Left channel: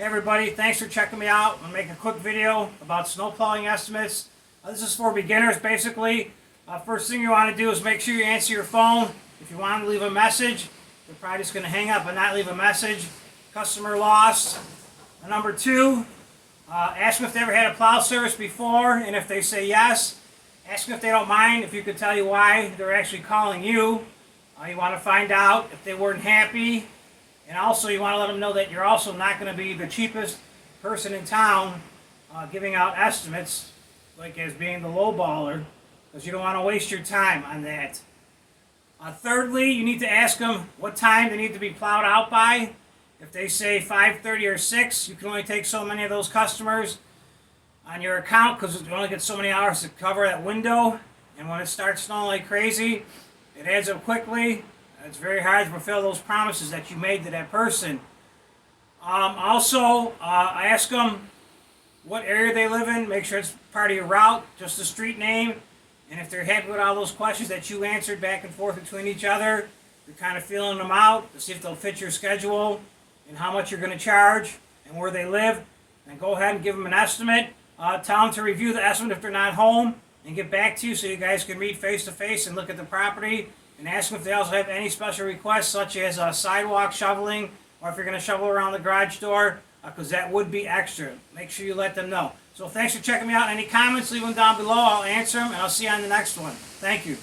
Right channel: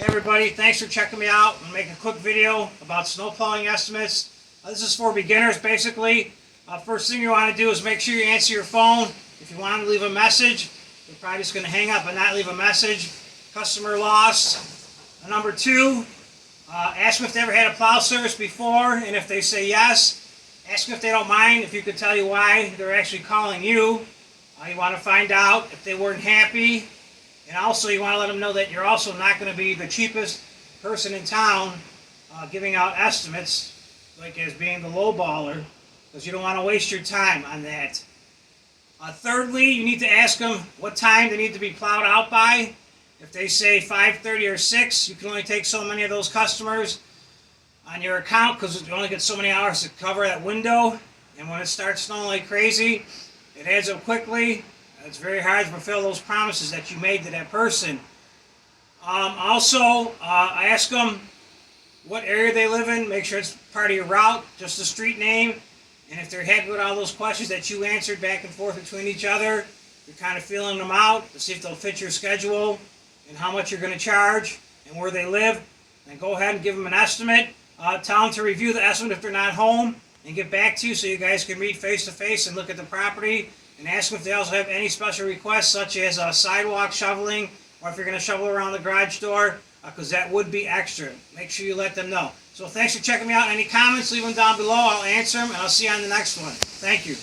Hey everybody, thanks for checking me out. I'm going to make a quick video about snow plowing estimates. This is for beginners basically. First thing you want to do is make sure you answer your phone. If you want to leave a message, you're probably just going to hang up and not leave a message. Customer lost. Number two, ask them if they ever had a plow service before, and if they say yes, ask them if they don't mind, if you could tell you why they're actually calling you. You want to find out if they weren't happy. And also you want to let them know that you're also not going to be the cheapest person in town giving out estimates, like as being the lowballer, because you don't want to waste your time on that. Thirdly, you need to ask them what time they need to be plowed out by. If they say 5:30 or 6, you can only take so many of those customers on your account because you only get so many hours to cover that window. And when it starts snowing like crazy, it adds up quickly. It's very hard to fulfill those promises that you made to that person. Also, ask them what area they live in. Make sure it's part of your route, just the street name. And if they're happy with all those questions that you answered back and forth between each other, you're kind of feeling them out to see if they'll fit your schedule and how much you're going to charge and where they live. And go ahead and give them an estimate. Tell them to review the estimate if they're not home and get back to you so you guys can meet face to face and look at the property. And ask them if they also have any special requests, such as sidewalk shoveling, or if you're going to shovel around the garage door, because that would be extra. Make sure you let them know. So thanks for checking me out. Any comments, leave them down below. I'll answer them, and I'll see you on the next one. Thank you.